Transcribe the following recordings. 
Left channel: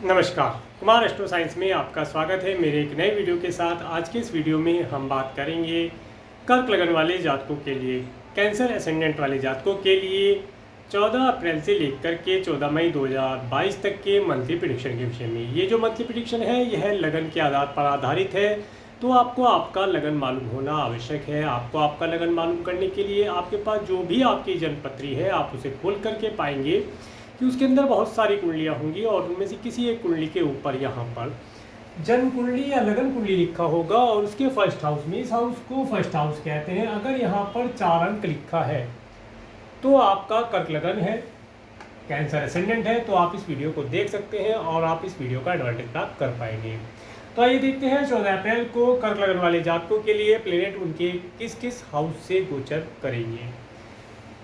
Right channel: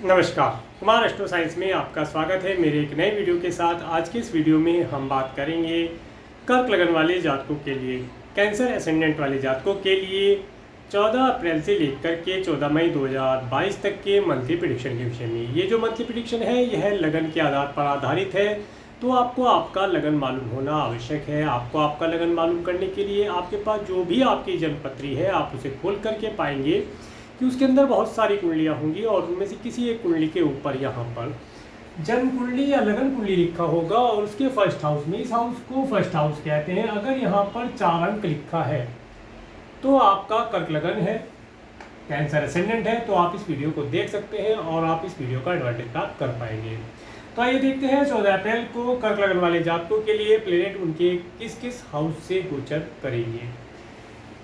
नमस्कार, Kumar astro science में आपका स्वागत है मेरे एक नए वीडियो के साथ। आज के इस वीडियो में हम बात करेंगे कर्क लगन वाले जातकों के लिए, कैंसर एसेंडेंट वाले जातकों के लिए 14 अप्रैल से लेकर के 14 मई 2022 तक के मंथली प्रेडिक्शन के विषय में। ये जो मंथली प्रेडिक्शन है यह लगन के आधार पर आधारित है, तो आपको आपका लगन मालूम होना आवश्यक है। आपको आपका लगन मालूम करने के लिए आपके पास जो भी आपकी जन्मपत्री है आप उसे खोल करके पाएंगे कि उसके अंदर बहुत सारी कुंडलियाँ होंगी और उनमें से किसी एक कुंडली के ऊपर यहाँ पर जन्म कुंडली या लगन कुंडली लिखा होगा और उसके फर्स्ट हाउस में, इस हाउस को फर्स्ट हाउस कहते हैं। अगर यहाँ पर 4 अंक लिखा है तो आपका कर्क लगन है, कैंसर एसेंडेंट है। तो आप इस वीडियो को देख सकते हैं और आप इस वीडियो का एडवांटेज प्राप्त कर पाएंगे। तो आइए देखते हैं 14 अप्रैल को कर्क लगन वाले जातकों के लिए प्लेनेट उनके किस किस हाउस से गोचर करेंगे।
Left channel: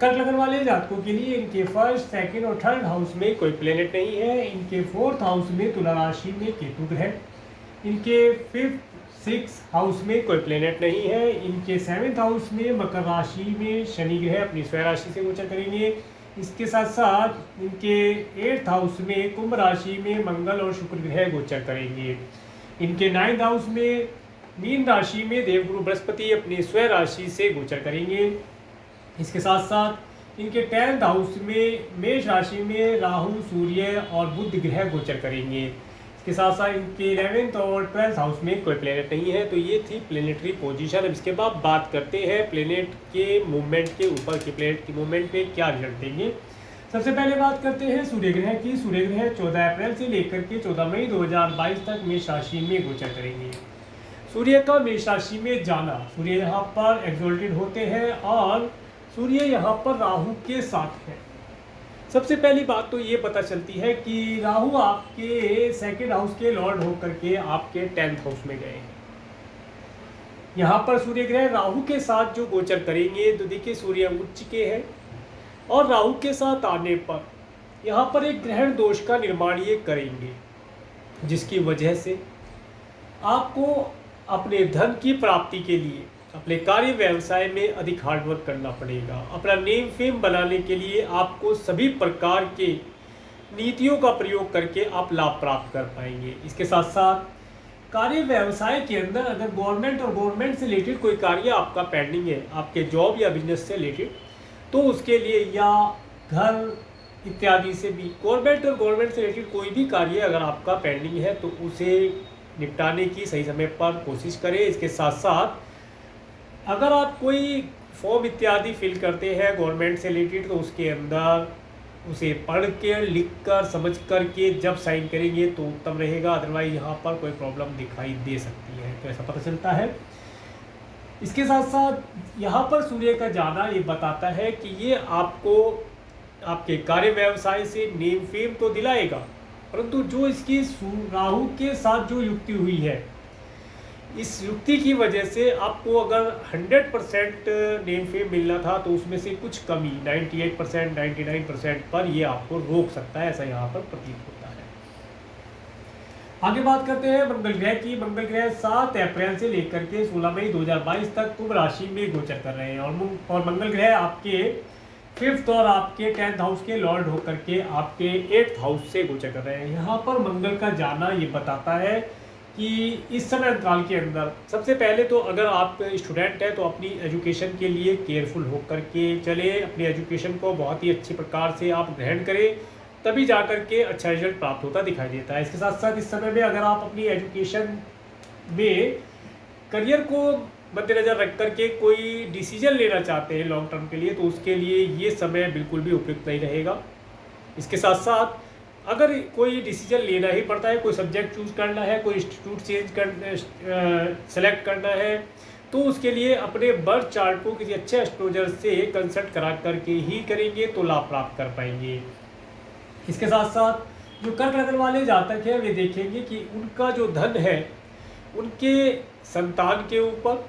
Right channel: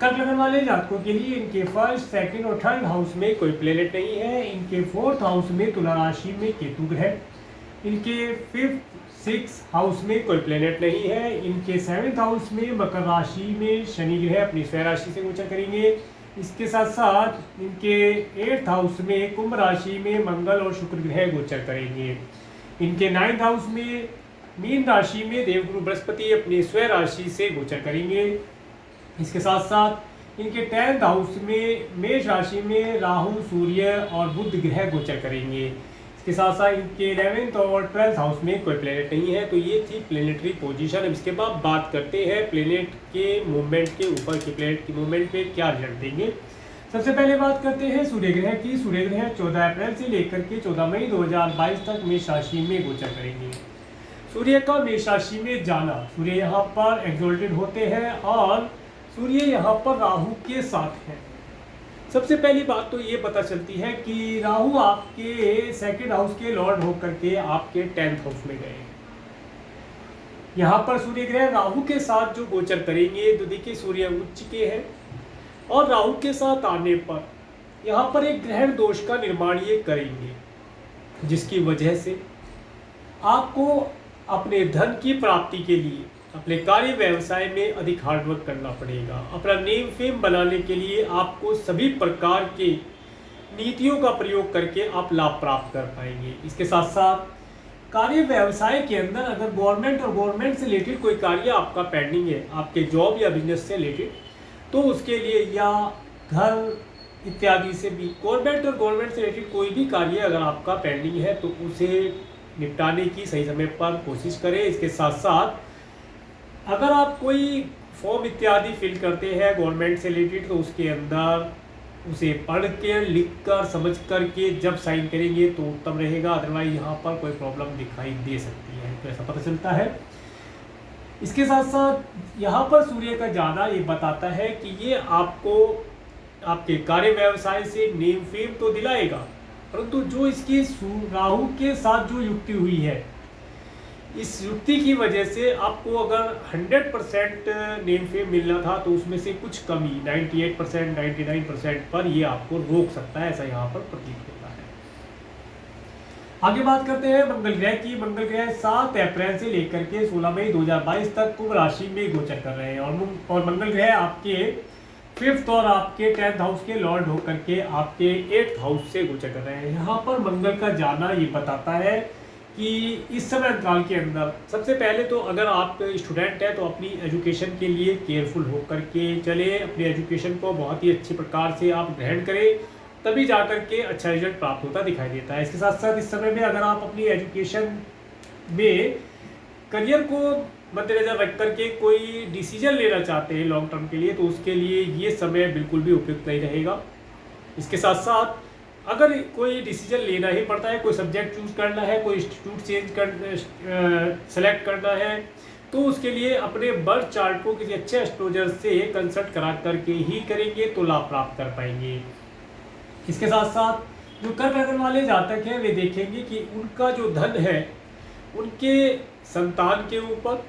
कर्क लगन वाले जातकों के लिए इनके फर्स्ट, सेकंड और थर्ड हाउस में कोई प्लेनेट नहीं है। इनके फोर्थ हाउस में तुला राशि में केतु ग्रह, इनके फिफ्थ, सिक्स हाउस में कोई प्लेनेट नहीं है। इनके सेवेंथ हाउस में मकर राशि में शनि ग्रह अपनी स्वयं राशि से गोचर करेंगे। इसके साथ साथ इनके एट्थ हाउस में कुंभ राशि में मंगल और शुक्र ग्रह गोचर करेंगे। इनके नाइन्थ हाउस में मीन राशि में देवगुरु बृहस्पति अपनी स्वयं राशि से गोचर करेंगे। इसके साथ साथ इनके 10th हाउस में मेष राशि में राहु, सूर्य और बुध ग्रह गोचर करेंगे। इसके साथ साथ इनके 11th और 12th हाउस में कोई प्लेनेट नहीं है। तो ये थी प्लेनेटरी पोजीशन। अब इसके बाद बात करते हैं प्लेनेट के मूवमेंट के ऊपर कि प्लेनेट के मूवमेंट पे क्या रिजल्ट देंगे। सबसे पहले बात करते हैं सूर्य ग्रह की। सूर्य ग्रह 14 अप्रैल से लेकर के 14 मई 2022 तक मेष राशि में गोचर करेंगे। सूर्य का मेष राशि में जाना, सूर्य यहाँ पर एक्सोल्टेड होते हैं और सूर्य यहाँ पर राहु के साथ है। सबसे पहली बात तो ये पता चलती है कि राहु आपके सेकंड हाउस के लॉर्ड होकर के आपके 10th हाउस में गए। यहाँ पर सूर्य ग्रह राहु के साथ जो गोचर करेंगे, तो देखिए सूर्य उच्च के हैं और राहु के साथ आने पर यहाँ पर एक ग्रहण दोष का निर्माण ये करेंगे, जिसकी वजह से आपको अपने धन की प्राप्ति के लिए अपने कार्य व्यवसाय में अधिक हार्डवर्क करना पड़ेगा। अपना नेम फेम बनाने के लिए आपको सभी प्रकार के नीतियों का प्रयोग करके आप लाभ प्राप्त कर पाएंगे। इसके साथ साथ कार्य व्यवसाय के अंदर अगर गवर्नमेंट और गवर्नमेंट से रिलेटेड कोई कार्य आपका पेंडिंग है, आपके जॉब या बिजनेस से रिलेटेड, तो उसके लिए या घर इत्यादि से भी गवर्नमेंट और गवर्नमेंट से रिलेटेड कोई भी कार्य अगर आपका पेंडिंग है तो उसे निपटाने की सही समय पर कोशिश करें। इसके साथ साथ अगर आप कोई फॉर्म इत्यादि फिल करते हैं गवर्नमेंट से रिलेटेड, तो उसके अंदर उसे पढ़ के, लिख कर, समझ कर के जब साइन करेंगे तो उत्तम रहेगा। अदरवाइज यहाँ पर कोई प्रॉब्लम दिखाई दे सकती है, तो ऐसा पता चलता है। इसके साथ साथ यहाँ पर सूर्य का जाना ये बताता है कि ये आपको आपके कार्य व्यवसाय से नेम फेम तो दिलाएगा, परंतु जो इसकी राहु के साथ जो युक्ति हुई है, इस युक्ति की वजह से आपको अगर 100% नेम फेम मिलना था तो उसमें से कुछ कमी 98%, 99% पर ये आपको रोक सकता है, ऐसा यहाँ पर प्रतीत होता है। आगे बात करते हैं मंगल ग्रह की। मंगल ग्रह 7 अप्रैल से लेकर के 16 मई 2022 तक कुंभ राशि में गोचर कर रहे हैं और मंगल ग्रह आपके 5th और आपके 10th हाउस के लॉर्ड होकर के आपके 8th हाउस से गोचर कर रहे हैं। यहाँ पर मंगल का जाना ये बताता है कि इस समय अंतराल के अंदर सबसे पहले तो अगर आप स्टूडेंट हैं तो अपनी एजुकेशन के लिए केयरफुल होकर के चले, अपनी एजुकेशन को बहुत ही अच्छी प्रकार से आप ग्रहण करें, तभी जाकर के अच्छा रिजल्ट प्राप्त होता दिखाई देता है। इसके साथ साथ इस समय में अगर आप अपनी एजुकेशन में करियर को मद्देनजर रख करके कोई डिसीजन लेना चाहते हैं लॉन्ग टर्म के लिए, तो उसके लिए ये समय बिल्कुल भी उपयुक्त नहीं रहेगा। इसके साथ साथ अगर कोई डिसीजन लेना ही पड़ता है, कोई सब्जेक्ट चूज करना है, कोई इंस्टीट्यूट सेलेक्ट करना है, तो उसके लिए अपने बर्थ चार्ट को किसी अच्छे एस्ट्रोलॉजर से कंसल्ट करा करके ही करेंगे तो लाभ प्राप्त कर पाएंगे। इसके साथ साथ जो कर्क लगन वाले जातक हैं वे देखेंगे कि उनका जो धन है उनके संतान के ऊपर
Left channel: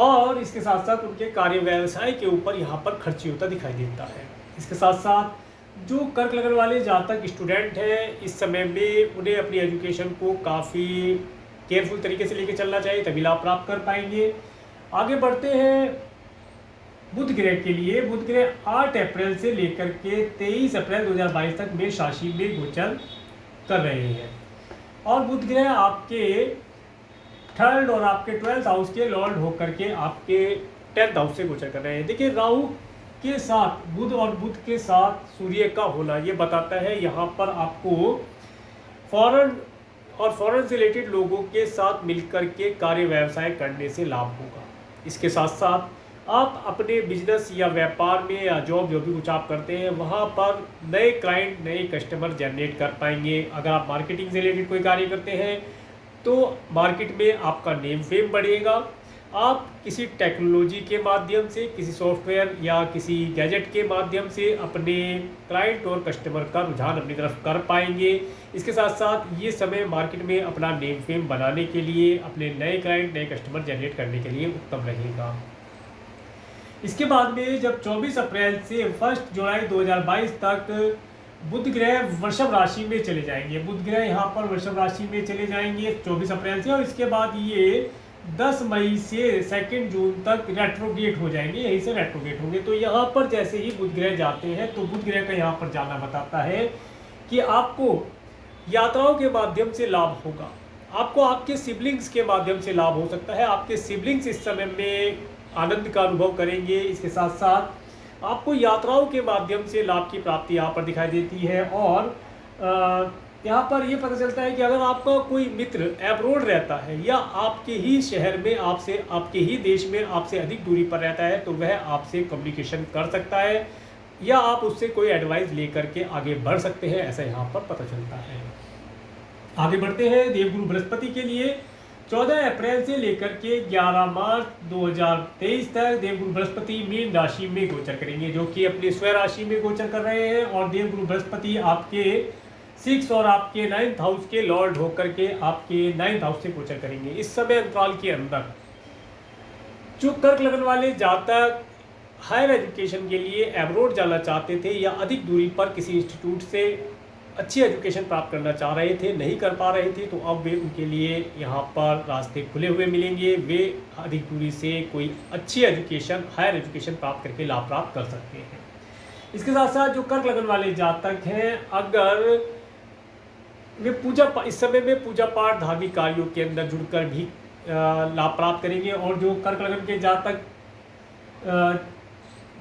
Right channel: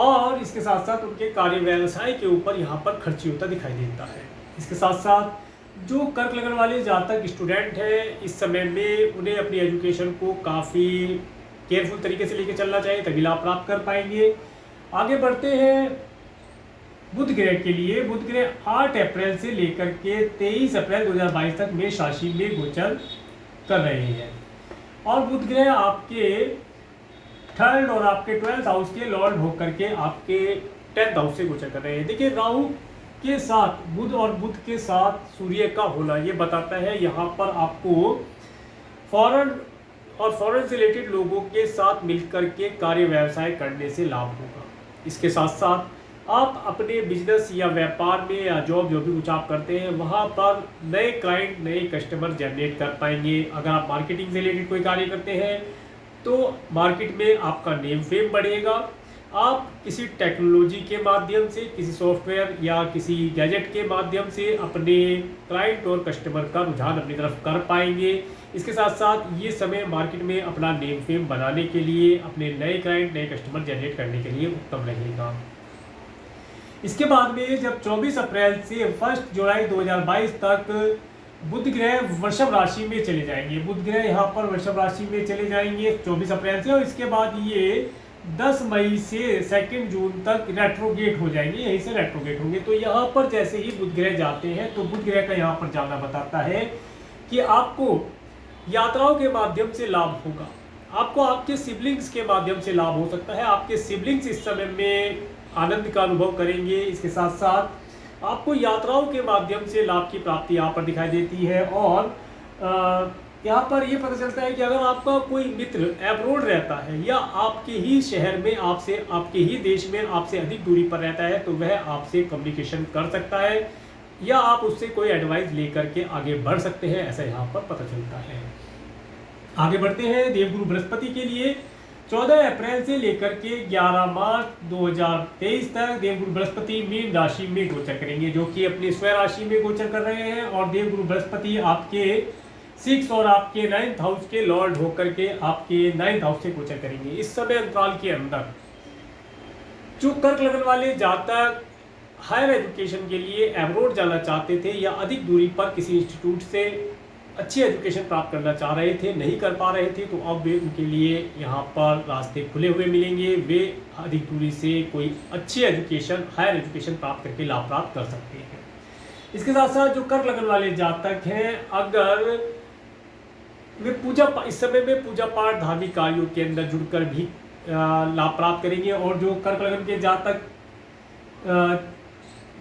और इसके साथ साथ उनके कार्य व्यवसाय के ऊपर यहाँ पर खर्ची होता दिखाई देता है। इसके साथ साथ जो कर्क लगन वाले जातक स्टूडेंट हैं इस समय में उन्हें अपनी एजुकेशन को काफ़ी केयरफुल तरीके से लेके चलना चाहिए, तभी लाभ प्राप्त कर पाएंगे। आगे बढ़ते हैं बुध ग्रह के लिए। बुध ग्रह 8 अप्रैल से लेकर के 23 अप्रैल 2022 तक मेष राशि में गोचर कर रहे हैं। और बुध ग्रह आपके 3rd और आपके 12th हाउस के लॉर्ड होकर के आपके 10th हाउस से गोचर कर रहे हैं। देखिए राहु के साथ बुध और बुध के साथ सूर्य का होना ये बताता है यहाँ पर आपको फॉरेन और फॉरेन से रिलेटेड लोगों के साथ मिलकर के कार्य व्यवसाय करने से लाभ होगा। इसके साथ साथ आप अपने बिजनेस या व्यापार में या जॉब जो भी कुछ आप करते हैं वहाँ पर नए क्लाइंट नए कस्टमर जनरेट कर पाएंगे। अगर आप मार्केटिंग से रिलेटेड कोई कार्य करते हैं तो मार्केट में आपका नेम फेम बढ़ेगा। आप किसी टेक्नोलॉजी के माध्यम से, किसी सॉफ्टवेयर या किसी गैजेट के माध्यम से अपने क्लाइंट और कस्टमर का रुझान अपनी तरफ कर पाएंगे। इसके साथ साथ ये समय मार्केट में अपना नेम फेम बनाने के लिए, अपने नए क्लाइंट नए कस्टमर जनरेट करने के लिए उत्तम रहेगा। इसके बाद में जब 24 अप्रैल से 1 जुलाई 2022 तक बुध ग्रह वृषभ राशि में चले जाएंगे। बुध ग्रह यहाँ पर वृषभ राशि में चले जाएंगे 24 अप्रैल से, और इसके बाद ये 10 मई से 2 जून तक रेट्रोगेट हो जाएंगे, यहीं से रेट्रोगेट होंगे। तो यहाँ पर जैसे ही बुध ग्रह जाते हैं तो बुध ग्रह का यहाँ पर जाना बताता है कि आपको यात्राओं के माध्यम से लाभ होगा, आपको आपके सिबलिंग्स के माध्यम से लाभ हो सकता है। आपके सिबलिंग्स इस समय में आनंद का अनुभव करेंगे। इसके साथ साथ आपको यात्राओं के माध्यम से लाभ की प्राप्ति यहाँ पर दिखाई देती है। और यहाँ पर ये पता चलता है कि अगर आपका कोई मित्र एब्रोड रहता है या आपके ही शहर में आपसे, आपके ही देश में आपसे अधिक दूरी पर रहता है तो वह आपसे कम्युनिकेशन कर सकता है या आप उससे कोई एडवाइस लेकर के आगे बढ़ सकते हैं, ऐसा यहाँ पर पता चलता है। आगे बढ़ते हैं देवगुरु बृहस्पति के लिए 14 अप्रैल से लेकर के 11 मार्च 2023 तक देवगुरु बृहस्पति मीन राशि में गोचर करेंगे, जो कि अपनी स्वयं राशि में गोचर कर रहे हैं। और देवगुरु बृहस्पति आपके 6 और आपके 9th हाउस के लॉर्ड होकर के आपके 9th हाउस से गोचर करेंगे। इस समय अंतराल के अंदर जो कर्क लगन वाले जातक हायर एजुकेशन के लिए एब्रोड जाना चाहते थे या अधिक दूरी पर किसी इंस्टीट्यूट से अच्छी एजुकेशन प्राप्त करना चाह रहे थे, नहीं कर पा रहे थे, तो अब वे उनके लिए यहाँ पर रास्ते खुले हुए मिलेंगे। वे अधिक दूरी से कोई अच्छी एजुकेशन, हायर एजुकेशन प्राप्त करके लाभ प्राप्त कर सकते हैं। इसके साथ साथ जो कर्क लगन वाले जातक हैं, अगर वे इस समय में पूजा पाठ धार्मिक कार्यों के अंदर जुड़कर भी लाभ प्राप्त करेंगे। और जो कर्क लगन के जातक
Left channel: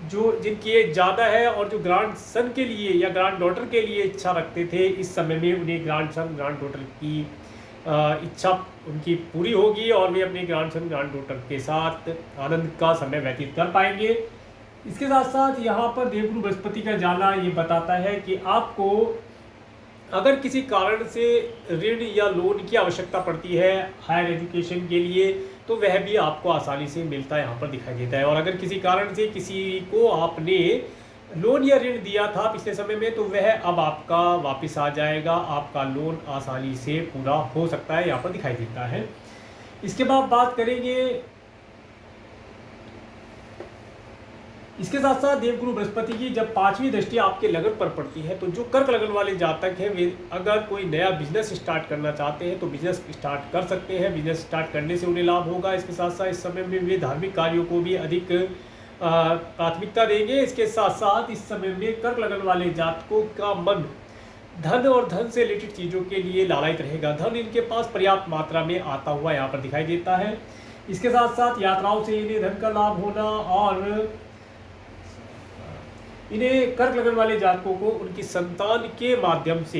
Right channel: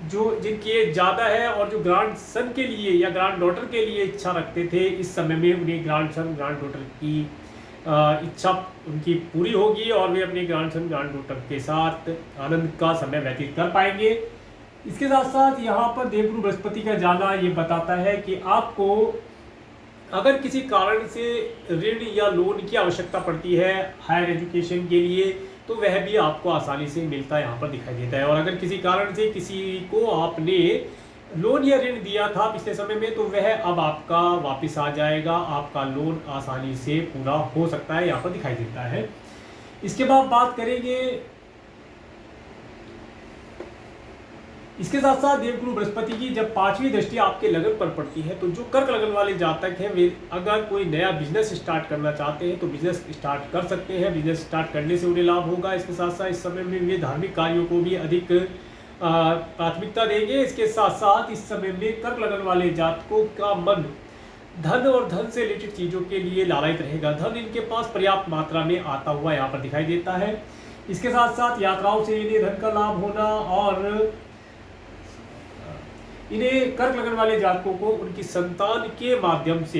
जो जिनकी एज ज़्यादा है और जो ग्रांड सन के लिए या ग्रांड डॉटर के लिए इच्छा रखते थे, इस समय में उन्हें ग्रांड सन ग्रांड डॉटर की इच्छा उनकी पूरी होगी और वे अपने ग्रांड सन ग्रांड डॉटर के साथ आनंद का समय व्यतीत कर पाएंगे। इसके साथ साथ यहाँ पर देवगुरु बृहस्पति का जाना ये बताता है कि आपको अगर किसी कारण से ऋण या लोन की आवश्यकता पड़ती है हायर एजुकेशन के लिए, तो वह भी आपको आसानी से मिलता यहाँ पर दिखाई देता है। और अगर किसी कारण से किसी को आपने लोन या ऋण दिया था पिछले समय में, तो वह अब आपका वापस आ जाएगा, आपका लोन आसानी से पूरा हो सकता है, यहाँ पर दिखाई देता है। इसके बाद बात करेंगे, इसके साथ साथ देवगुरु बृहस्पति की जब 5वीं दृष्टि आपके लगन पर पड़ती है, तो जो कर्क लगन वाले जातक हैं वे अगर कोई नया बिजनेस स्टार्ट करना चाहते हैं तो बिजनेस स्टार्ट कर सकते हैं। बिजनेस स्टार्ट करने से उन्हें लाभ होगा। इसके साथ साथ इस समय में वे धार्मिक कार्यों को भी अधिक प्राथमिकता देंगे। इसके साथ साथ इस समय में कर्क लगन वाले जातकों का मन धन और धन से रिलेटेड चीज़ों के लिए लालयित रहेगा। धन इनके पास पर्याप्त मात्रा में आता हुआ यहाँ पर दिखाई देता है। इसके साथ साथ यात्राओं से इन्हें धन का लाभ होना और इन्हें कर्क लगन वाले जातकों को उनकी संतान के माध्यम से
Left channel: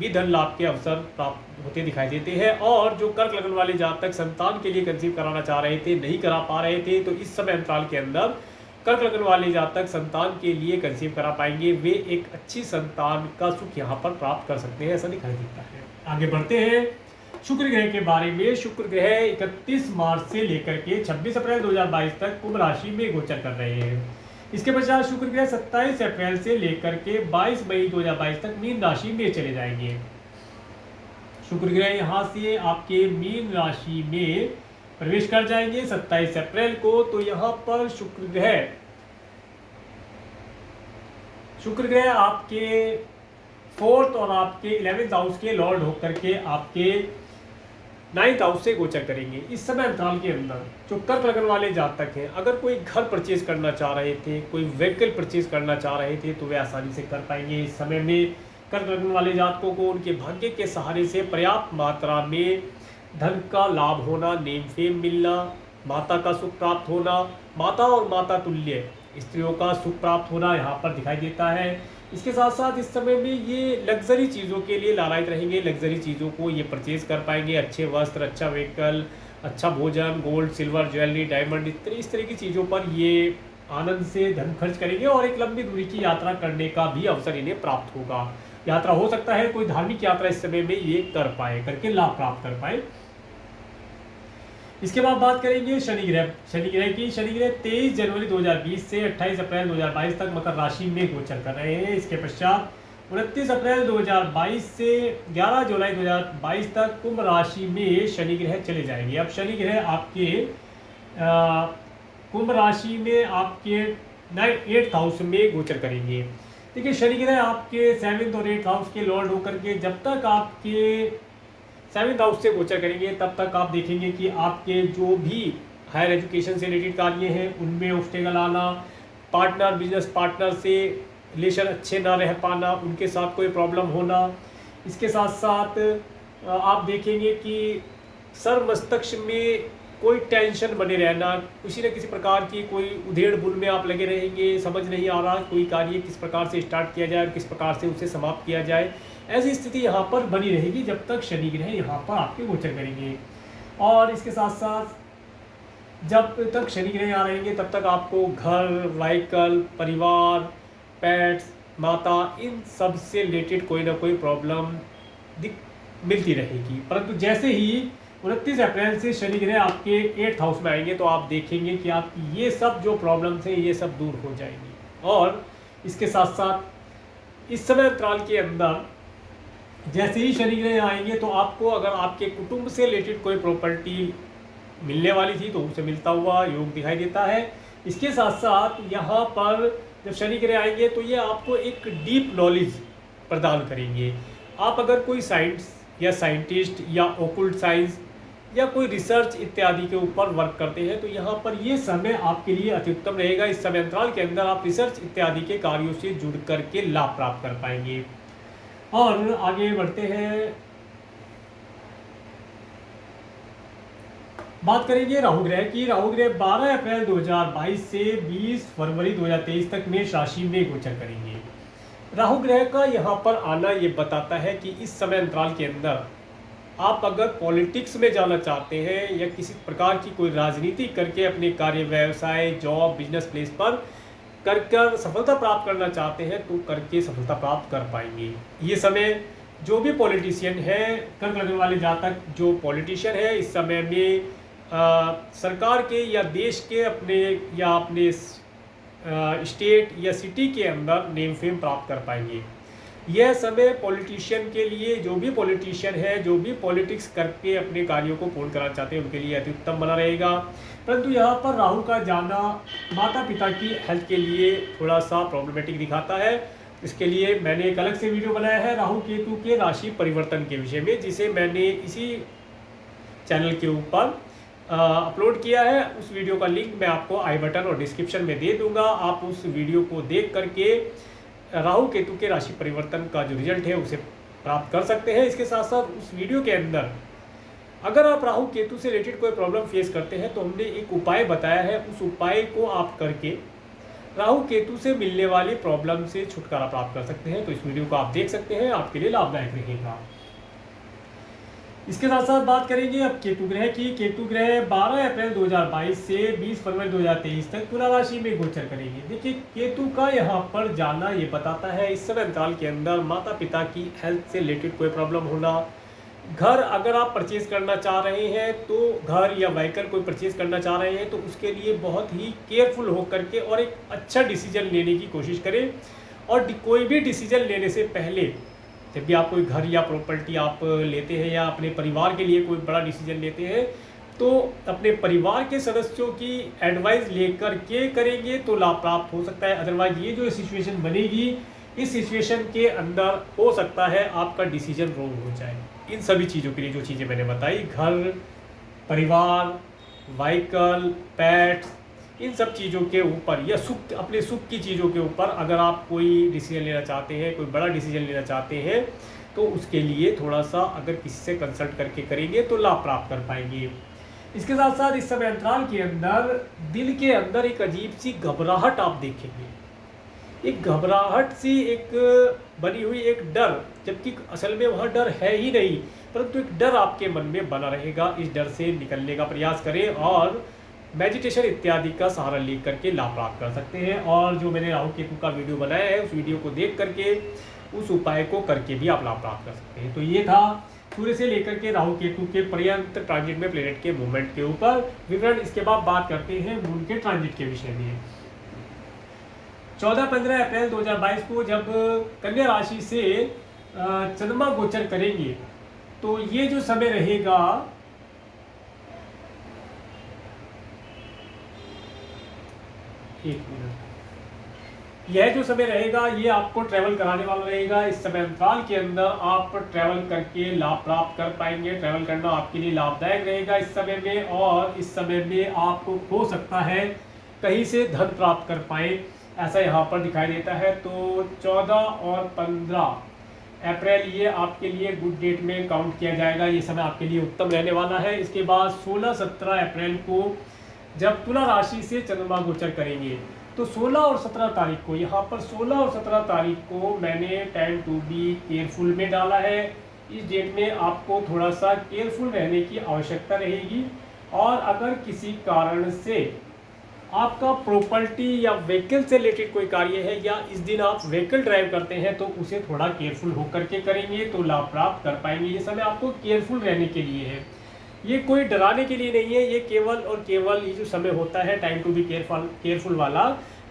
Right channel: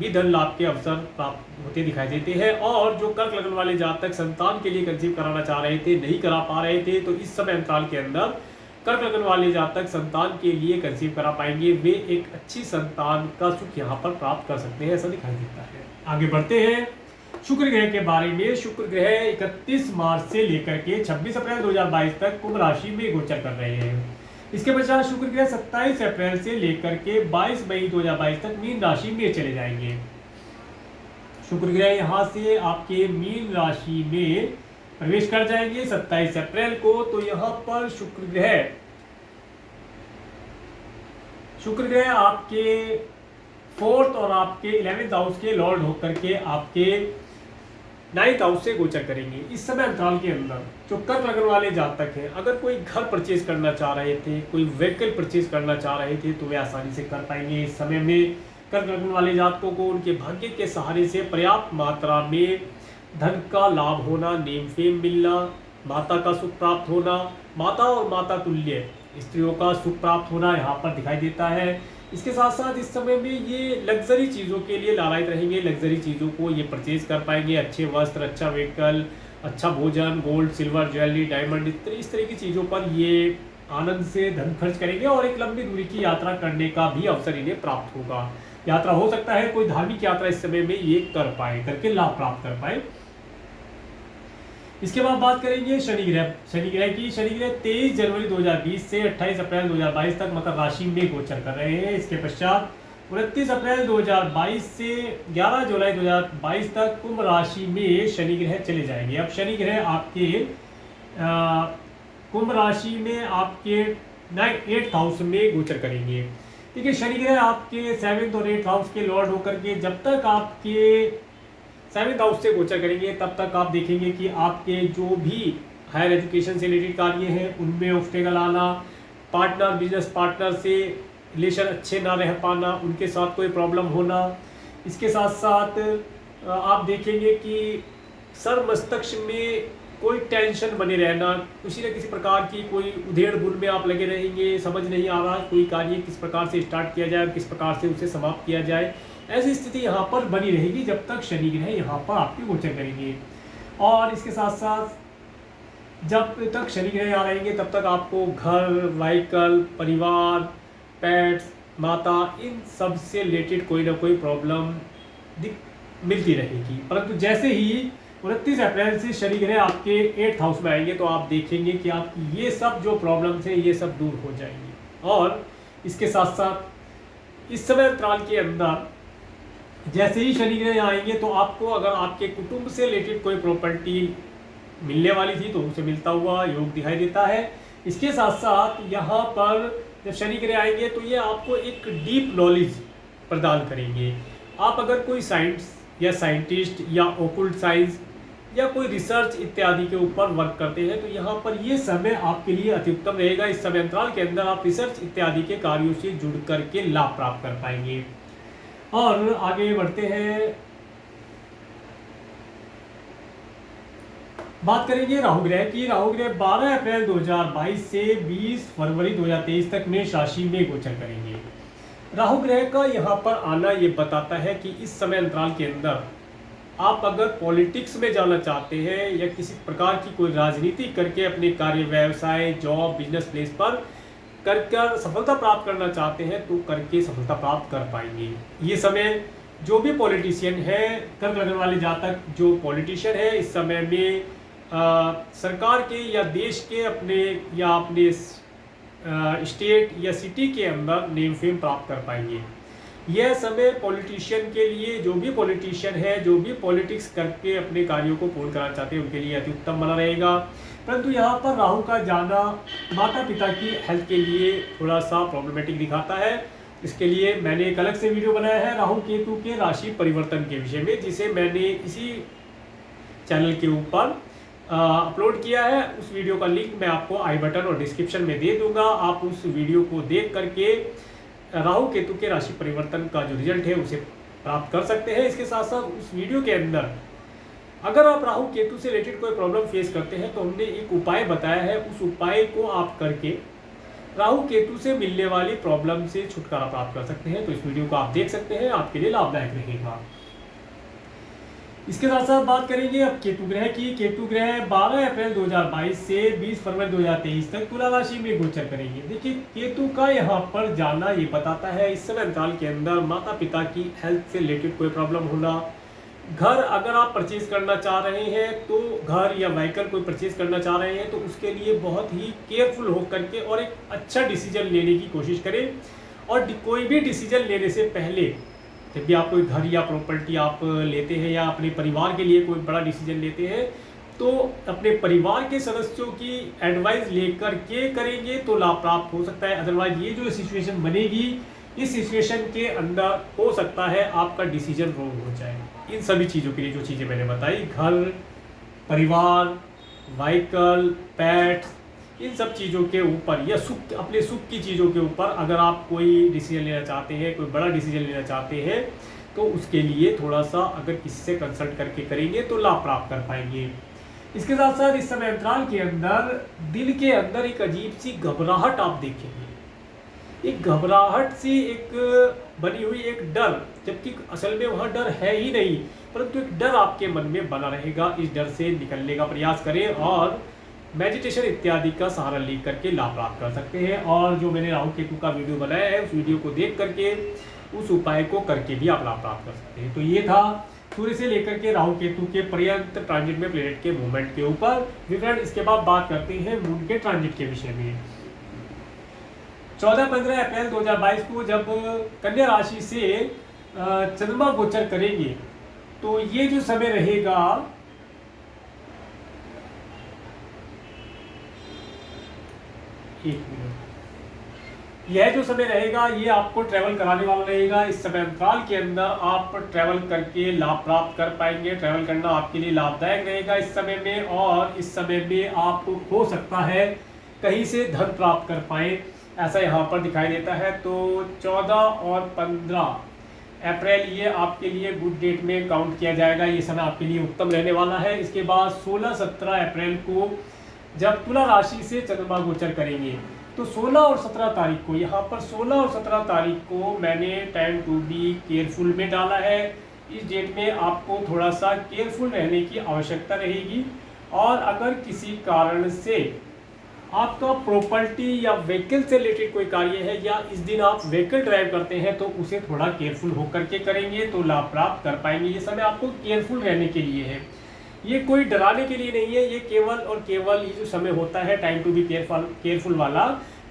भी धन लाभ के अवसर प्राप्त होते दिखाई देते हैं। और जो कर्क लगन वाले जातक संतान के लिए कंसीव कराना चाह रहे थे, नहीं करा पा रहे थे, तो इस समय अंतराल के अंदर कर्क लगन वाले जातक संतान के लिए कंसीव करा पाएंगे। वे एक अच्छी संतान का सुख यहाँ पर प्राप्त कर सकते हैं, ऐसा दिखाई देता है। आगे बढ़ते हैं शुक्र ग्रह के बारे में। शुक्र ग्रह 31 मार्च से लेकर के 26 अप्रैल 2022 तक कुंभ राशि में गोचर कर रहे हैं। इसके पश्चात शुक्र ग्रह 27 अप्रैल से लेकर के 22 मई 2022 तक मीन राशि में चले जाएंगे। शुक्र ग्रह यहाँ से आपके मीन राशि में प्रवेश कर जाएंगे 27 अप्रैल को। तो यहाँ पर शुक्र ग्रह आपके 4th और आपके 11th हाउस के लॉर्ड होकर के आपके 9th हाउस से गोचर करेंगे। इस समय अंतराल के अंदर जो कर्क लगन वाले जातक हैं, अगर कोई घर परचेज करना चाह रहे थे, कोई व्हीकल परचेज करना चाह रहे थे, तो वे आसानी से कर पाएंगे। इस समय में कर्क लग्न वाले जातकों को उनके भाग्य के सहारे से पर्याप्त मात्रा में धन का लाभ होना, नेम फेम मिलना, माता का सुख प्राप्त होना, माता और माता तुल्य स्त्रियों का सुख प्राप्त होना यहाँ पर दिखाई देता है। इसके साथ साथ इस समय में ये लग्जरी चीज़ों के लिए लालायित रहेंगे, लग्जरी चीज़ों को ये परचेज कर पाएंगे, अच्छे वस्त्र, अच्छा व्हीकल, अच्छा भोजन, गोल्ड सिल्वर ज्वेलरी डायमंड इस तरह की चीज़ों पर ये आनंद से धन खर्च करेंगे और एक लंबी दूरी की यात्रा करने का भी अवसर इन्हें प्राप्त होगा। यात्रा हो सकता है कोई धार्मिक यात्रा इस समय में ये करके लाभ प्राप्त कर पाए। इसके बाद बात करेंगे शनि ग्रह की। शनि ग्रह 23 जनवरी 2020 से 28 अप्रैल 2022 तक मकर राशि में गोचर कर रहे हैं। इसके पश्चात 29 अप्रैल 2022 से 11 जुलाई 2022 तक कुंभ राशि में शनि ग्रह चले जाएंगे। अब शनि ग्रह आपके कुंभ राशि में आपके 8th हाउस में गोचर करेंगे। देखिए शनि ग्रह आपके 7th और 8th हाउस के लॉर्ड होकर के जब तक आपके 7th हाउस से गोचर करेंगे तब तक आप देखेंगे कि आपके जो भी हायर एजुकेशन से रिलेटेड कार्य हैं उनमें ऑब्स्टेकल आना, पार्टनर बिजनेस पार्टनर से रिलेशन अच्छे ना रह पाना, उनके साथ कोई प्रॉब्लम होना। इसके साथ साथ आप देखेंगे कि सर मस्तिष्क में कोई टेंशन बने रहना, किसी न किसी प्रकार की कोई उधेड़ बुन में आप लगे रहेंगे, समझ नहीं आ रहा कोई कार्य किस प्रकार से स्टार्ट किया जाए, किस प्रकार से उसे समाप्त किया जाए। ऐसी स्थिति यहाँ पर बनी रहेगी जब तक शनि ग्रह यहाँ पर आपके गोचर करेंगे। और इसके साथ साथ जब तक शनि ग्रह यहाँ रहेंगे तब तक आपको घर, व्हीकल, परिवार, पेट्स, माता, इन सब से रिलेटेड कोई ना कोई प्रॉब्लम मिलती रहेगी। परंतु जैसे ही 29 अप्रैल से शनि ग्रह आपके 8th हाउस में आएंगे तो आप देखेंगे कि आप ये सब जो प्रॉब्लम्स हैं ये सब दूर हो जाएंगी। और इसके साथ साथ इस समय अंतराल के अंदर जैसे ही शनि ग्रह आएंगे तो आपको अगर आपके कुटुंब से रिलेटेड कोई प्रॉपर्टी मिलने वाली थी तो उसे मिलता हुआ योग दिखाई देता है। इसके साथ साथ यहाँ पर जब शनि ग्रह आएंगे तो ये आपको एक डीप नॉलेज प्रदान करेंगे। आप अगर कोई साइंस या साइंटिस्ट या ओकुल्ट साइंस या कोई रिसर्च इत्यादि के ऊपर वर्क करते हैं तो यहाँ पर ये समय आपके लिए अति उत्तम रहेगा। इस समय अंतराल के अंदर आप रिसर्च इत्यादि के कार्यों से जुड़ करके लाभ प्राप्त कर पाएंगे। और आगे बढ़ते हैं, बात करेंगे राहु ग्रह की। राहु ग्रह 12 अप्रैल 2022 से 20 फरवरी 2023 तक मेष राशि में गोचर करेंगे। राहु ग्रह का यहाँ पर आना ये बताता है कि इस समय अंतराल के अंदर आप अगर पॉलिटिक्स में जाना चाहते हैं या किसी प्रकार की कोई राजनीति करके अपने कार्य, व्यवसाय, जॉब, बिजनेस प्लेस पर कर सफलता प्राप्त करना चाहते हैं तो करके सफलता प्राप्त कर पाएंगे। ये समय जो भी पॉलिटिशियन है, कर्क लग्न वाले जातक जो पॉलिटिशियन है इस समय में सरकार के या देश के अपने स्टेट या सिटी के अंदर नेम फेम प्राप्त कर पाएंगे। यह समय पॉलिटिशियन के लिए, जो भी पॉलिटिशियन है, जो भी पॉलिटिक्स करके अपने कार्यों को पूर्ण कराना चाहते हैं उनके लिए अति उत्तम बना रहेगा। परंतु यहाँ पर राहु का जाना माता पिता की हेल्थ के लिए थोड़ा सा प्रॉब्लमेटिक दिखाता है। इसके लिए मैंने एक अलग से वीडियो बनाया है राहु केतु के राशि परिवर्तन के विषय में, जिसे मैंने इसी चैनल के ऊपर अपलोड किया है। उस वीडियो का लिंक मैं आपको आई बटन और डिस्क्रिप्शन में दे दूंगा। आप उस वीडियो को देख करके राहु केतु के राशि परिवर्तन का जो रिजल्ट है उसे प्राप्त कर सकते हैं। इसके साथ साथ उस वीडियो के अंदर अगर आप राहु केतु से रिलेटेड कोई प्रॉब्लम फेस करते हैं तो हमने एक उपाय बताया है, उस उपाय को आप करके राहु केतु से मिलने वाली प्रॉब्लम से छुटकारा प्राप्त कर सकते हैं। तो इस वीडियो को आप देख सकते हैं, आपके लिए लाभदायक रहेगा। इसके साथ साथ बात करेंगे अब केतु ग्रह की। केतु ग्रह 12 अप्रैल 2022 से 20 फरवरी 2023 तक तुला राशि में गोचर करेंगे। देखिए केतु का यहाँ पर जाना ये बताता है इस समय अंतराल के अंदर माता पिता की हेल्थ से रिलेटेड कोई प्रॉब्लम होना। घर अगर आप परचेज करना चाह रहे हैं तो घर या व्हीकल कोई परचेज करना चाह रहे हैं तो उसके लिए बहुत ही केयरफुल होकर के और एक अच्छा डिसीजन लेने की कोशिश करें। और कोई भी डिसीजन लेने से पहले जब भी आप कोई घर या प्रॉपर्टी आप लेते हैं या अपने परिवार के लिए कोई बड़ा डिसीजन लेते हैं तो अपने परिवार के सदस्यों की एडवाइस लेकर के करेंगे तो लाभ प्राप्त हो सकता है। अदरवाइज ये जो सिचुएशन बनेगी, इस सिचुएशन के अंदर हो सकता है आपका डिसीजन रॉन्ग हो जाए। इन सभी चीज़ों के लिए जो चीज़ें मैंने बताई, घर, परिवार, व्हीकल, पेट्स, इन सब चीज़ों के ऊपर या सुख, अपने सुख की चीज़ों के ऊपर अगर आप कोई डिसीजन लेना चाहते हैं, कोई बड़ा डिसीजन लेना चाहते हैं, तो उसके लिए थोड़ा सा अगर किसी से कंसल्ट करके करेंगे तो लाभ प्राप्त कर पाएंगे। इसके साथ साथ इस समय अंतराल के अंदर दिल के अंदर एक अजीब सी घबराहट आप देखेंगे, एक घबराहट सी, एक बनी हुई एक डर, जबकि असल में वहाँ डर है ही नहीं, परंतु एक डर आपके मन में बना रहेगा। इस डर से निकलने का प्रयास करें और मेडिटेशन इत्यादि का सहारा ले करके लाभ प्राप्त कर सकते हैं। और जो मैंने राहु केतु का वीडियो बनाया है, उस वीडियो को देख करके उस उपाय को करके भी आप लाभ प्राप्त कर सकते हैं। तो ये था सूर्य से लेकर के राहु केतु के पर्यंत ट्रांजिट में प्लेनेट के मूवमेंट के ऊपर विवरण। इसके बाद बात करते हैं मून के ट्रांजिट के विषय में। 14-15 अप्रैल 2022 को जब कन्या राशि से चंद्रमा गोचर करेंगे, तो ये जो समय रहेगा, एक मिनट, यह जो समय रहेगा ये आपको ट्रैवल कराने वाला रहेगा। इस समय अंतराल के अंदर आप ट्रैवल करके लाभ प्राप्त कर पाएंगे। ट्रैवल करना आपके लिए लाभदायक रहेगा इस समय में, और इस समय में आपको हो सकता है कहीं से धन प्राप्त कर पाए, ऐसा यहाँ पर दिखाई देता है। तो 14 और 15 अप्रैल ये आपके लिए गुड डेट में काउंट किया जाएगा, ये समय आपके लिए उत्तम रहने वाला है। इसके बाद 16-17 अप्रैल को जब तुला राशि से चंद्रमा गोचर करेंगे, तो 16 और 17 तारीख को, यहाँ पर 16 और 17 तारीख को मैंने टाइम टू बी केयरफुल में डाला है। इस डेट में आपको थोड़ा सा केयरफुल रहने की आवश्यकता रहेगी। और अगर किसी कारण से आपका प्रॉपर्टी या व्हीकल से रिलेटेड कोई कार्य है, या इस दिन आप व्हीकल ड्राइव करते हैं, तो उसे थोड़ा केयरफुल होकर के करेंगे तो लाभ प्राप्त कर पाएंगे। ये समय आपको केयरफुल रहने के लिए है, ये कोई डराने के लिए नहीं है। ये केवल और केवल ये जो समय होता है टाइम टू बी केयरफुल वाला,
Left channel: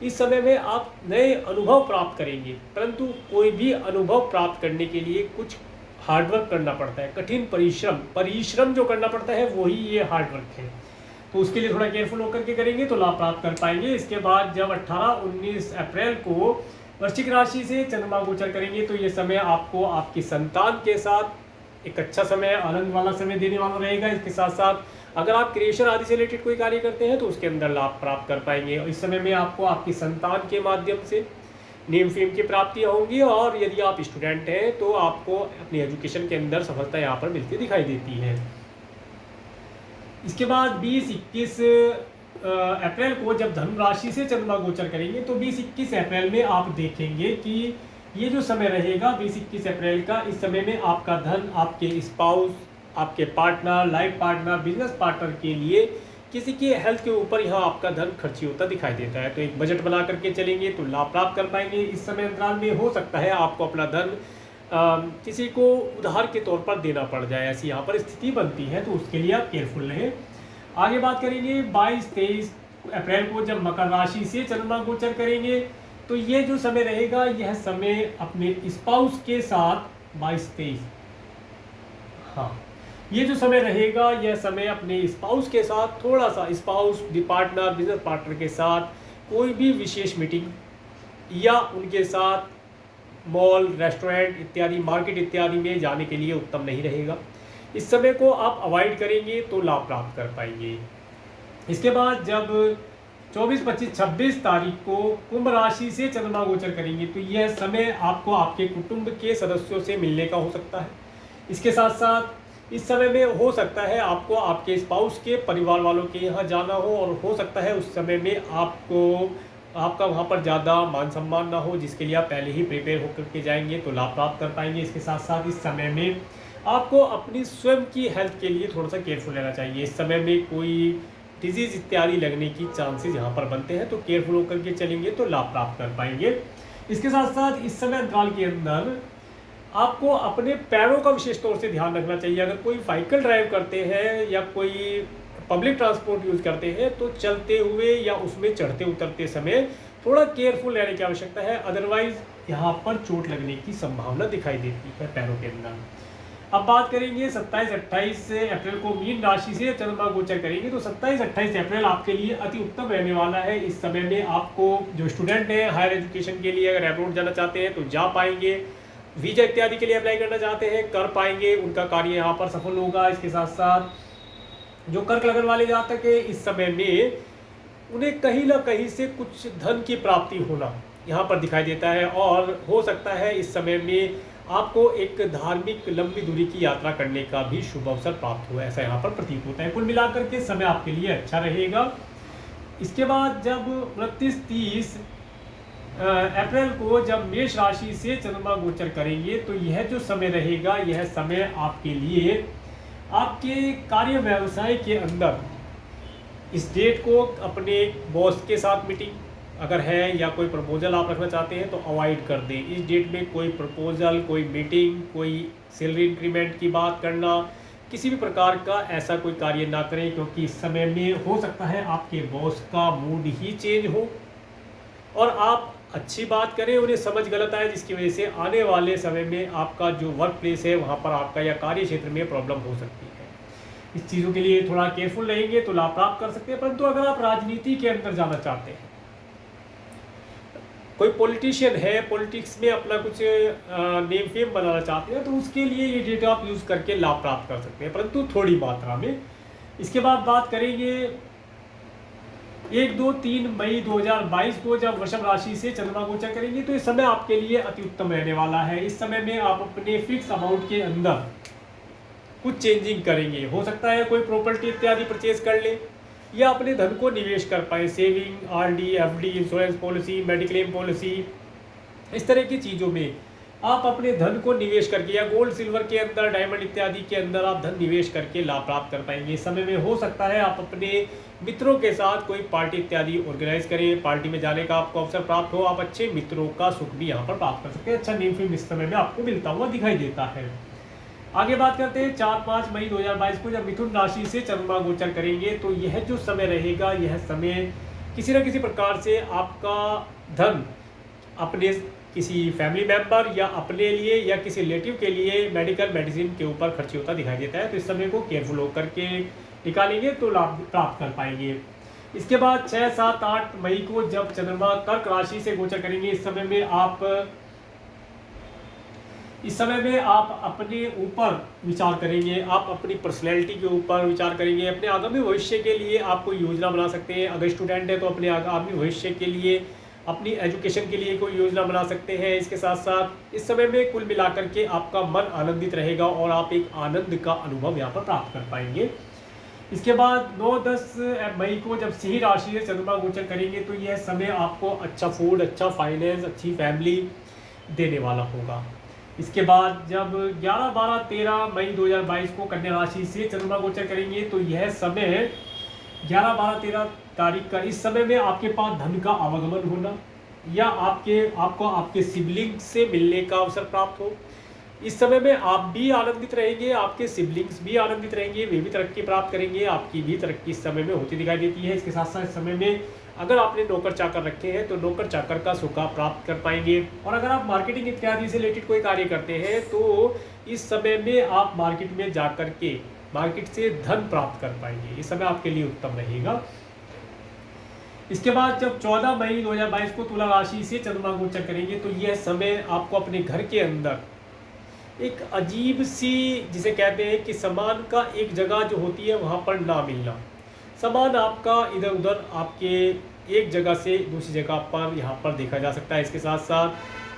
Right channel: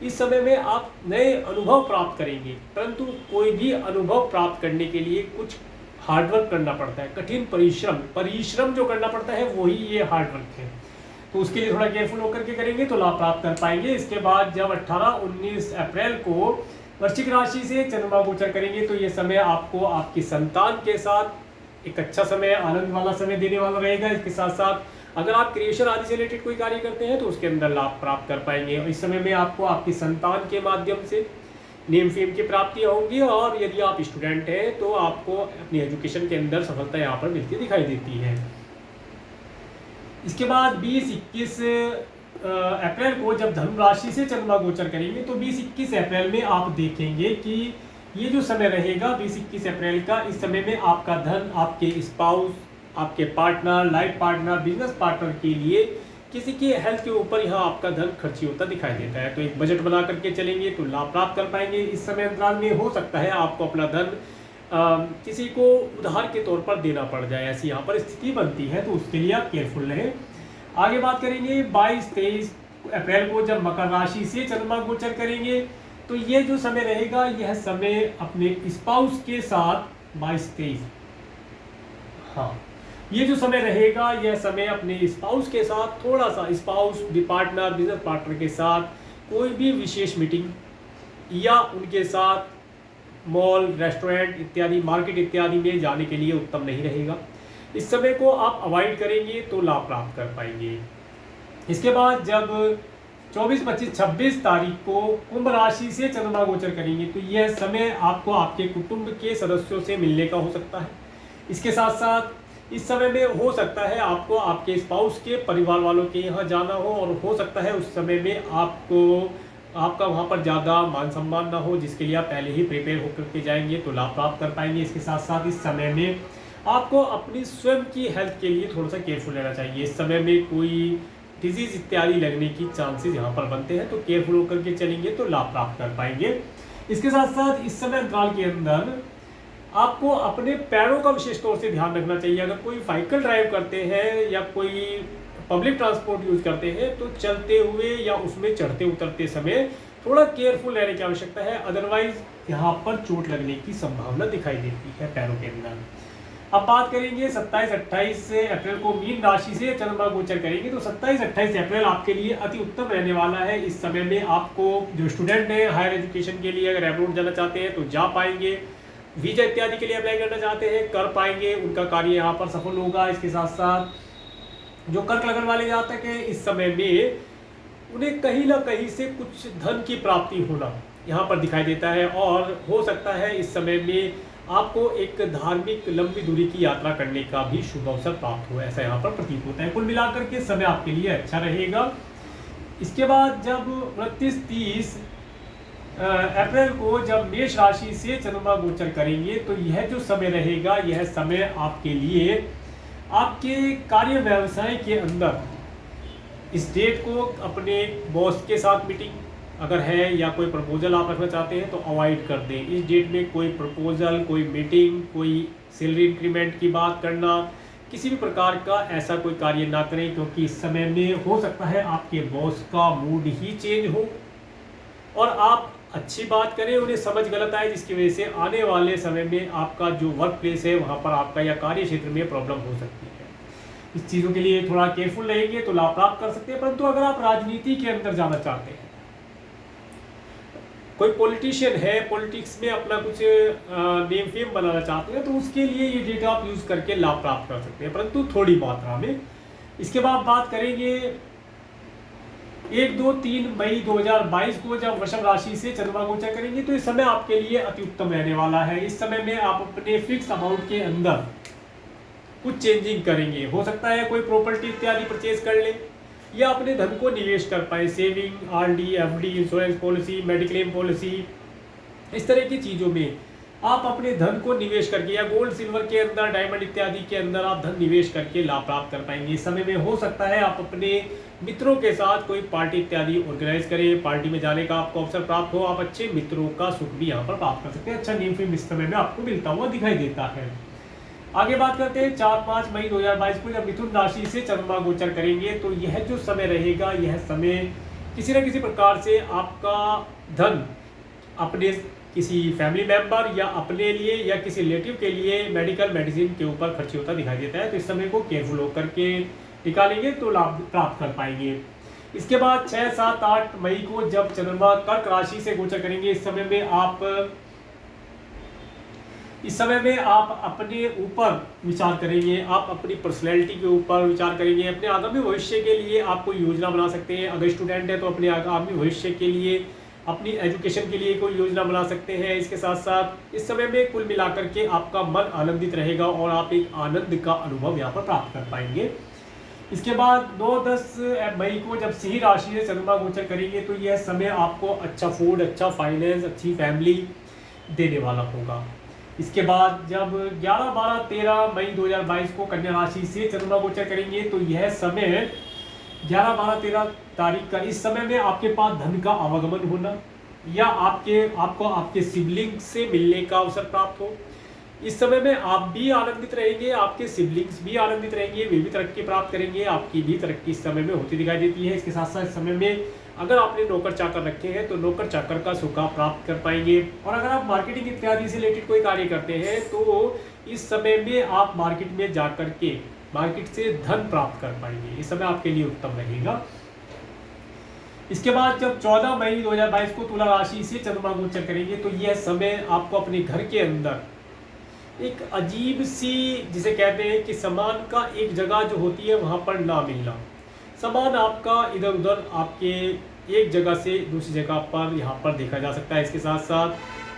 इस समय में आप नए अनुभव प्राप्त करेंगे। परंतु कोई भी अनुभव प्राप्त करने के लिए कुछ हार्डवर्क करना पड़ता है, कठिन परिश्रम जो करना पड़ता है वही ये हार्डवर्क है। तो उसके लिए थोड़ा केयरफुल होकर के करेंगे तो लाभ प्राप्त कर पाएंगे। इसके बाद जब 18-19 अप्रैल को वृश्चिक राशि से चंद्रमा गोचर करेंगे, तो ये समय आपको आपकी संतान के साथ एक अच्छा समय, आनंद वाला समय देने वाला रहेगा। इसके साथ साथ अगर आप क्रिएशन आदि से रिलेटेड कोई कार्य करते हैं तो उसके अंदर लाभ प्राप्त कर पाएंगे। और इस समय में आपको आपकी संतान के माध्यम से नेम फेम की प्राप्तियाँ होंगी, और यदि आप स्टूडेंट हैं तो आपको अपनी एजुकेशन के अंदर सफलता यहाँ पर मिलती दिखाई देती है। इसके बाद 20-21 अप्रैल को जब धनु राशि से चंद्रमा गोचर करेंगे, तो 20-21 अप्रैल में आप देखेंगे कि ये जो समय रहेगा 20-21 अप्रैल का, इस समय में आपका धन आपके स्पाउस, आपके partner, life partner, business partner के लिए किसी की हेल्थ के ऊपर यहाँ आपका धन खर्ची होता दिखाई देता है। तो एक बजट बना करके चलेंगे तो लाभ प्राप्त कर पाएंगे। इस समय अंतराल में हो सकता है आपको अपना धन किसी को उधार के तौर पर देना पड़ जाए, ऐसी यहाँ पर स्थिति बनती है, तो उसके लिए आप केयरफुल रहें। आगे बात करेंगे 22-23 अप्रैल को जब मकर राशि से चंद्रमा गोचर करेंगे, तो ये जो समय रहेगा यह समय अपने स्पाउस के साथ 22-23, हाँ, ये जो समय रहेगा यह समय अपने स्पाउस के साथ थोड़ा सा, स्पाउस, पार्टनर, बिजनेस पार्टनर के साथ कोई भी विशेष मीटिंग या उनके साथ मॉल, रेस्टोरेंट इत्यादि, मार्केट इत्यादि में जाने के लिए उत्तम नहीं रहेगा। इस समय को आप अवॉइड करेंगे तो लाभ प्राप्त कर पाएंगे। इसके बाद जब 24, 25, 26 तारीख को कुंभ राशि से चंद्रमा गोचर करेंगे, तो यह समय आपको आपके कुटुंब के सदस्यों से मिलने का हो सकता है। इसके साथ साथ इस समय में हो सकता है आपको आपके स्पाउस के परिवार वालों के यहाँ जाना हो, और हो सकता है उस समय में आपका वहाँ पर ज़्यादा मान सम्मान ना हो, जिसके लिए आप पहले ही प्रिपेयर होकर के जाएंगे तो लाभ प्राप्त कर पाएंगे। इसके साथ साथ इस समय में आपको अपनी स्वयं की हेल्थ के लिए थोड़ा सा केयरफुल रहना चाहिए। इस समय में कोई डिजीज़ इत्यादि लगने की चांसेस यहाँ पर बनते हैं, तो केयरफुल होकर के चलेंगे तो लाभ प्राप्त कर पाएंगे। इसके साथ साथ इस समय अंतराल के अंदर आपको अपने पैरों का विशेष तौर से ध्यान रखना चाहिए। अगर कोई व्हीकल ड्राइव करते हैं या कोई पब्लिक ट्रांसपोर्ट यूज करते हैं, तो चलते हुए या उसमें चढ़ते उतरते समय थोड़ा केयरफुल रहने की आवश्यकता है, अदरवाइज यहाँ पर चोट लगने की संभावना दिखाई देती है पैरों के अंदर। अब बात करेंगे 27-28 अप्रैल को मीन राशि से चंद्रमा गोचर करेंगे, तो 27-28 अप्रैल आपके लिए अति उत्तम रहने वाला है। इस समय में आपको जो स्टूडेंट हैं हायर एजुकेशन के लिए अगर अब्रॉड जाना चाहते हैं तो जा पाएंगे, वीजा इत्यादि के लिए अप्लाई करना चाहते हैं कर पाएंगे, उनका कार्य यहाँ पर सफल होगा। इसके साथ साथ जो कर्क लगन वाले जातक है, इस समय में उन्हें कहीं ना कहीं से कुछ धन की प्राप्ति होना यहाँ पर दिखाई देता है, और हो सकता है इस समय में आपको एक धार्मिक लंबी दूरी की यात्रा करने का भी शुभ अवसर प्राप्त हो, ऐसा यहाँ पर प्रतीत होता है। कुल मिलाकर के समय आपके लिए अच्छा रहेगा। इसके बाद जब 29-30 अप्रैल को जब मेष राशि से चंद्रमा गोचर करेंगे तो यह जो समय रहेगा, यह समय आपके लिए आपके कार्य व्यवसाय के अंदर इस डेट को अपने बॉस के साथ मीटिंग अगर है या कोई प्रपोजल आप रखना चाहते हैं तो अवॉइड कर दें। इस डेट में कोई प्रपोजल, कोई मीटिंग, कोई सैलरी इंक्रीमेंट की बात करना, किसी भी प्रकार का ऐसा कोई कार्य ना करें, क्योंकि इस समय में हो सकता है आपके बॉस का मूड ही चेंज हो और आप अच्छी बात करें उन्हें समझ गलत आए, जिसकी वजह से आने वाले समय में आपका जो वर्क प्लेस है वहाँ पर आपका या कार्य क्षेत्र में प्रॉब्लम हो सकती है। इस चीज़ों के लिए थोड़ा केयरफुल रहेंगे तो लाभ प्राप्त कर सकते हैं। परंतु अगर आप राजनीति के अंदर जाना चाहते हैं, कोई पॉलिटिशियन है, पॉलिटिक्स में अपना कुछ नेम फेम बनाना चाहते हैं, तो उसके लिए ये डेटा आप यूज़ करके लाभ प्राप्त कर सकते हैं, परंतु थोड़ी मात्रा में। इसके बाद बात करेंगे 1, 2, 3 मई 2022 को जब वृषभ राशि से चंद्रमा गोचर करेंगे तो इस समय आपके लिए अति उत्तम रहने वाला है। इस समय में आप अपने फिक्स अमाउंट के अंदर कुछ चेंजिंग करेंगे। हो सकता है कोई प्रॉपर्टी इत्यादि परचेज कर ले या अपने धन को निवेश कर पाए, saving, RD, FD, insurance policy, mediclaim policy, इस तरह की चीज़ों में आप अपने धन को निवेश करके या गोल्ड सिल्वर के अंदर, डायमंड इत्यादि के अंदर आप धन निवेश करके लाभ प्राप्त कर पाएंगे। इस समय में हो सकता है आप अपने मित्रों के साथ कोई पार्टी इत्यादि ऑर्गेनाइज करें, पार्टी में जाने का आपको अवसर प्राप्त हो, आप अच्छे मित्रों का सुख भी यहाँ पर प्राप्त कर सकते हैं। अच्छा नेम फेम इस समय में आपको मिलता हुआ दिखाई देता है। आगे बात करते हैं 4-5 मई 2022 को जब मिथुन राशि से चंद्रमा गोचर करेंगे तो यह जो समय रहेगा, यह समय किसी न किसी प्रकार से आपका धन अपने किसी फैमिली मेंबर या अपने लिए या किसी रिलेटिव के लिए मेडिकल मेडिसिन के ऊपर खर्च होता दिखाई देता है। तो इस समय को केयरफुल होकर के निकालेंगे तो लाभ प्राप्त कर पाएंगे। इसके बाद 6, 7, 8 मई को जब चंद्रमा कर्क राशि से गोचर करेंगे, इस समय में आप अपने ऊपर विचार करेंगे, आप अपनी पर्सनैलिटी के ऊपर विचार करेंगे, अपने आगामी भविष्य के लिए आप कोई योजना बना सकते हैं। अगर स्टूडेंट है तो अपने आगामी भविष्य के लिए, अपनी एजुकेशन के लिए कोई योजना बना सकते हैं। इसके साथ साथ इस समय में कुल मिलाकर के आपका मन आनंदित रहेगा और आप एक आनंद का अनुभव यहाँ पर प्राप्त कर पाएंगे। इसके बाद 9-10 मई को जब सिंह राशि से चंद्रमा गोचर करेंगे तो यह समय आपको अच्छा फूड, अच्छा फाइनेंस, अच्छी फैमिली देने वाला होगा। इसके बाद जब 11, 12, 13 मई 2022 को कन्या राशि से चंद्रमा गोचर करेंगे तो यह समय 11, 12, 13 तारीख का इस समय में आपके पास धन का आवागमन होना या आपको आपके सिबलिंग से मिलने का अवसर प्राप्त हो। इस समय में आप भी आनंदित रहेंगे, आपके सिबलिंग्स भी आनंदित रहेंगे, वे भी तरक्की प्राप्त करेंगे, आपकी भी तरक्की इस समय में होती दिखाई देती है। इसके साथ साथ इस समय में अगर आपने नौकर चाकर रखे हैं तो नौकर चाकर का सुख आप प्राप्त कर पाएंगे। और अगर आप मार्केटिंग इत्यादि से रिलेटेड कोई कार्य करते हैं तो इस समय में आप मार्केट में जाकर के मार्केट से धन प्राप्त कर पाएंगे। इस समय आपके लिए उत्तम रहेगा। इसके बाद जब 14 मई 2022 को तुला राशि से चंद्रमा गोचर करेंगे तो यह समय आपको अपने घर के अंदर एक अजीब सी, जिसे कहते हैं कि सामान का एक जगह जो होती है वहाँ पर ना मिलना, सामान आपका इधर उधर आपके एक जगह से दूसरी जगह पर यहाँ पर देखा जा सकता है। इसके साथ साथ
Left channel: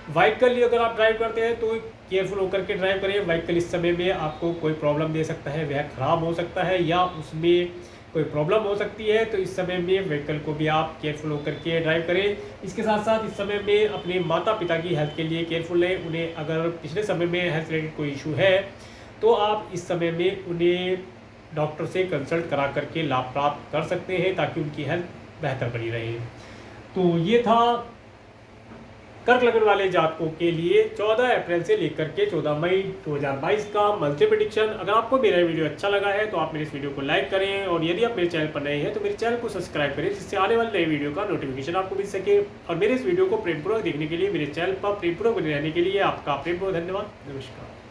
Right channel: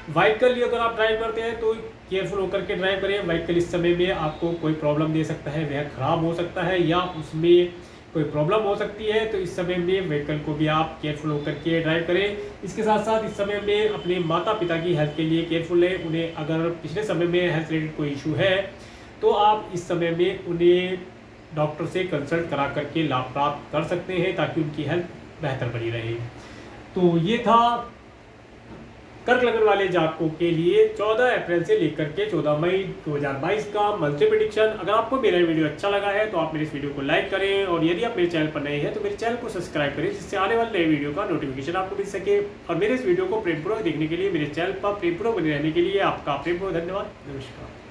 व्हीकल अगर आप ड्राइव करते हैं तो केयरफुल होकर के ड्राइव करें। व्हीकल इस समय में आपको कोई प्रॉब्लम दे सकता है, वह ख़राब हो सकता है या उसमें कोई प्रॉब्लम हो सकती है, तो इस समय में व्हीकल को भी आप केयरफुल होकर के ड्राइव करें। इसके साथ साथ इस समय में अपने माता पिता की हेल्थ के लिए केयरफुल है। उन्हें अगर पिछले समय में हेल्थ रिलेटेड कोई इशू है तो आप इस समय में उन्हें डॉक्टर से कंसल्ट करा करके लाभ प्राप्त कर सकते हैं ताकि उनकी हेल्थ बेहतर बनी रहे। तो ये था कर्क लग्न वाले जातकों के लिए 14 अप्रैल से लेकर के 14 मई 2022 का मंथली प्रेडिक्शन। अगर आपको मेरा वीडियो अच्छा लगा है तो आप मेरे इस वीडियो को लाइक करें और यदि आप मेरे चैनल पर नए हैं तो मेरे चैनल को सब्सक्राइब करें, जिससे आने वाले नए वीडियो का नोटिफिकेशन आपको मिल सके। और मेरे इस वीडियो को प्रेमपूर्वक देखने के लिए, मेरे चैनल पर प्रेमपूर्वक बने रहने के लिए आपका प्रेमपूर्वक धन्यवाद। नमस्कार।